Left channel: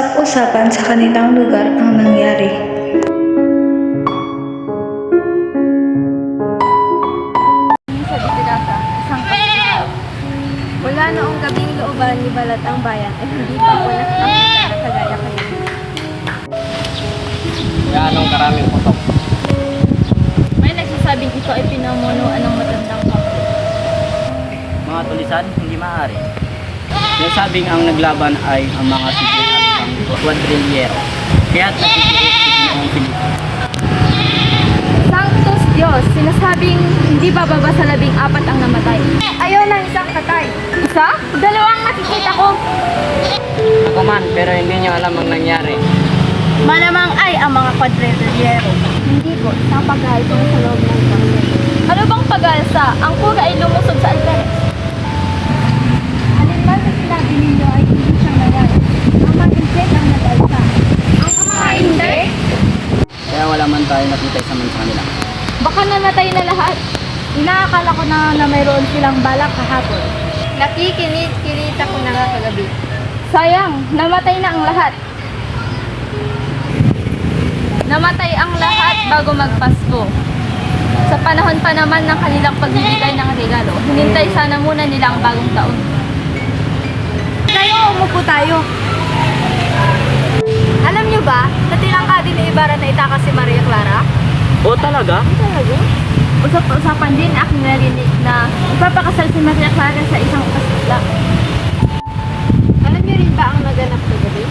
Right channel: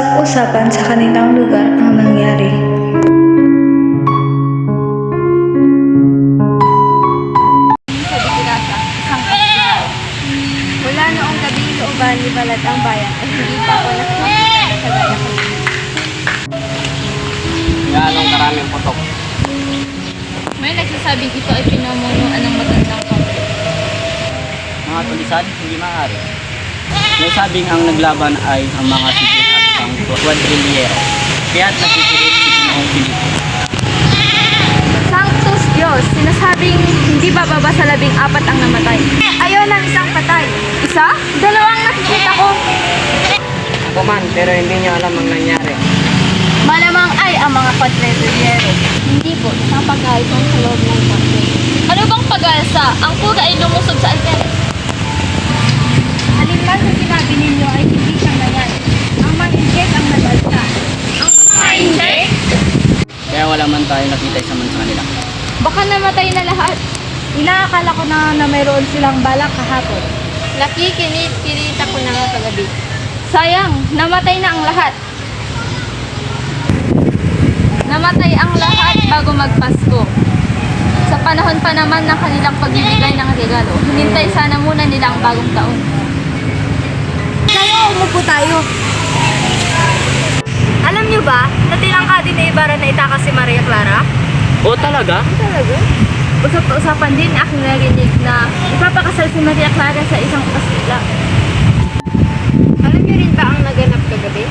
Usap-usapan sa kanilang lugar ang nangyari. Sa Bitirasa, isang kapital. Mula noong gabing looban ni Balat ang bayan ay hindi pa ako nakakakita na kagaya kanina. Anong karaming putok? May nagsasabing ito ay pinamunuan ng matandang kapit. Mga tulisan, hindi maaari. Sinasabing ang naglaban ay ang mga sibil at ang kwadrilyero. Kaya't nagtitiis si Ginoong Filipo. Sanctus Diyos, sinasabing hindi bababa sa 14 ang namatay. Ayaw ng isang patay. Isa? Dalawang nakikita ko. Ako man, pero hindi niya alam ang nangyari. Malamang ay ang mga kwadrilyero. Hindi po, isang pag-aalsa sa loob ng kwartel. Ano bang pag-aalsa? Ang kuga ay lumusob sa altares. Alin man sa sinabi ninyo ay hindi siyang nangyari. Ang mga inject ang nag-alsa. Ang mga inject? Kaya wala man tayo nakita isa man sa kanila. Baka namatay na lahat. Inaakala ko na mayroon silang balak kahapon. Nakikinit-kirita ko na nga kagabi. Sayang, namatay na ang lahat. Namatay ang lahat bago magpasko. Sa panahon pa naman ng kanilang pagbibigay ng regalo, hinintay sana muna nila ang bagong taon. Tayo, umupo tayo. Alam niyo ba, na tinangka din ni Ibarra na itakas si Maria Clara? Oo talaga? Talaga? Usap-usapan din aking narinig na ipapakasal si Maria Clara sa isang asla. Alam niyo rin ba ang naganap kagabi?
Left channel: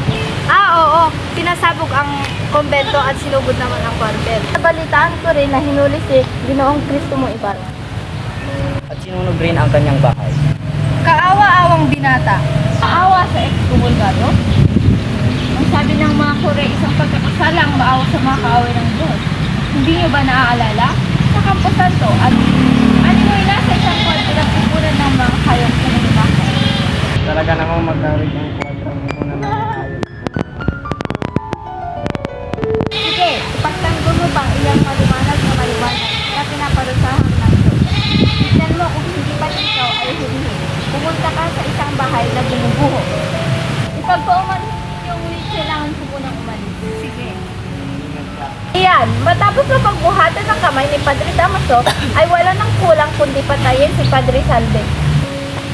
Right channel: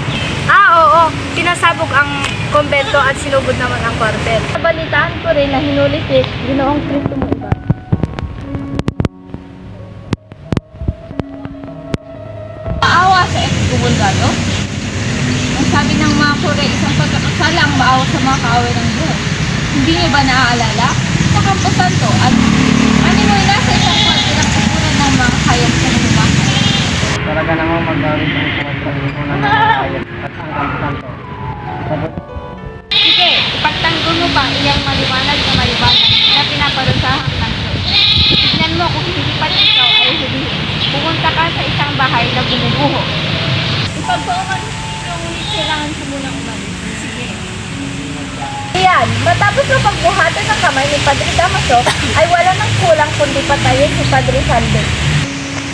Oo. Tinasabog ang kumbento at sinugod naman ang kwartel. Nabalitaan ko rin na hinuli si Ginoong Kristo mo Ibarra. At sinunog rin ang kanyang bahay. Kaawa-awang binata. Maawa sa ex-gumulgado? Ang sabi ng mga Kore, isang pagkakasala ang maawa sa mga kaaway ng Diyos. Hindi niyo ba naaalala? Sa Campo Santo at animoy nasa isang kwarto ng upunan ng mga hayop sa nagumaka. Talaga namang magkawit ang pagkakunan ng hayop at ang kampanto. Sige, ipagtanggol mo ba iyang maliwanag na pinaparusahan ng Diyos? Tignan mo kung hindi pa ikaw ay hulihin. Pumunta ka sa isang bahay na bumubuho. Ipagpaumalis ninyo, ngunit kailangan ko munang umalis. Sige. Iyan, matapos na pagbuhatan ng kamay ni Padre Damaso, ay wala nang kulang kundi patayin si Padre Salve.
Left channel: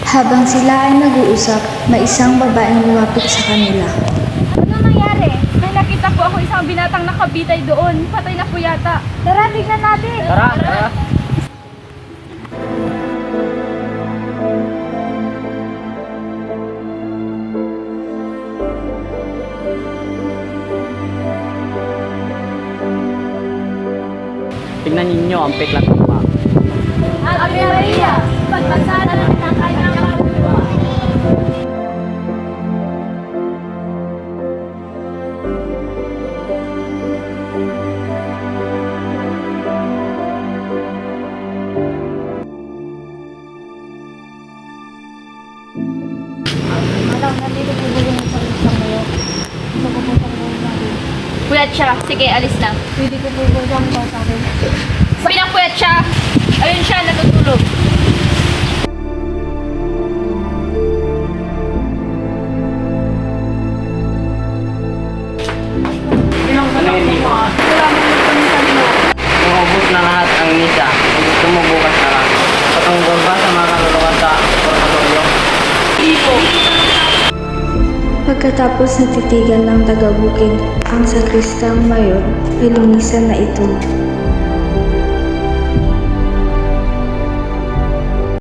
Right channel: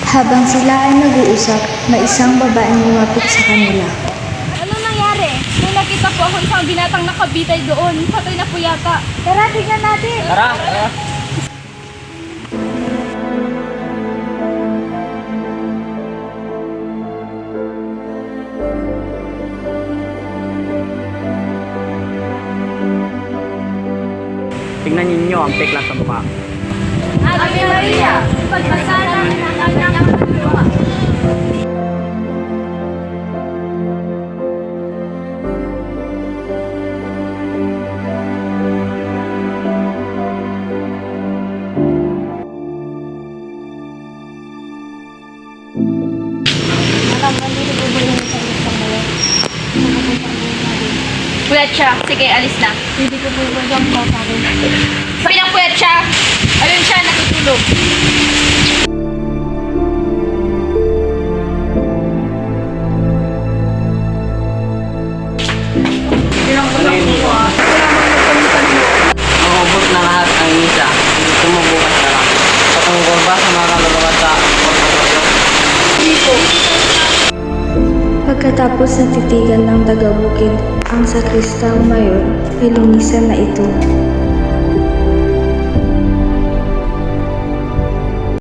Habang sila ay nag-uusap, may isang babaeng lumapit sa kanila. Ano nangyari? May nakita po ako isang binatang nakabitay doon. Patay na po yata. Tara, tignan natin. Tara! Tingnan ninyo ang peklang kapwa. Ave Maria, pagpasalan ng kanyang lupa. Puyat siya. Sige, alis na. Hindi ko po siyang pasakin. Sabi ng puyat siya. Ayun siya, natutulog. Maubos na lahat ang misa. Kung gusto mo bukas na lang. Patungkol ba sa mga kaluluwa sa oratorio? Pagkatapos natitigan ng taga-bukid ang sakristang mayor, ay linisan na ito.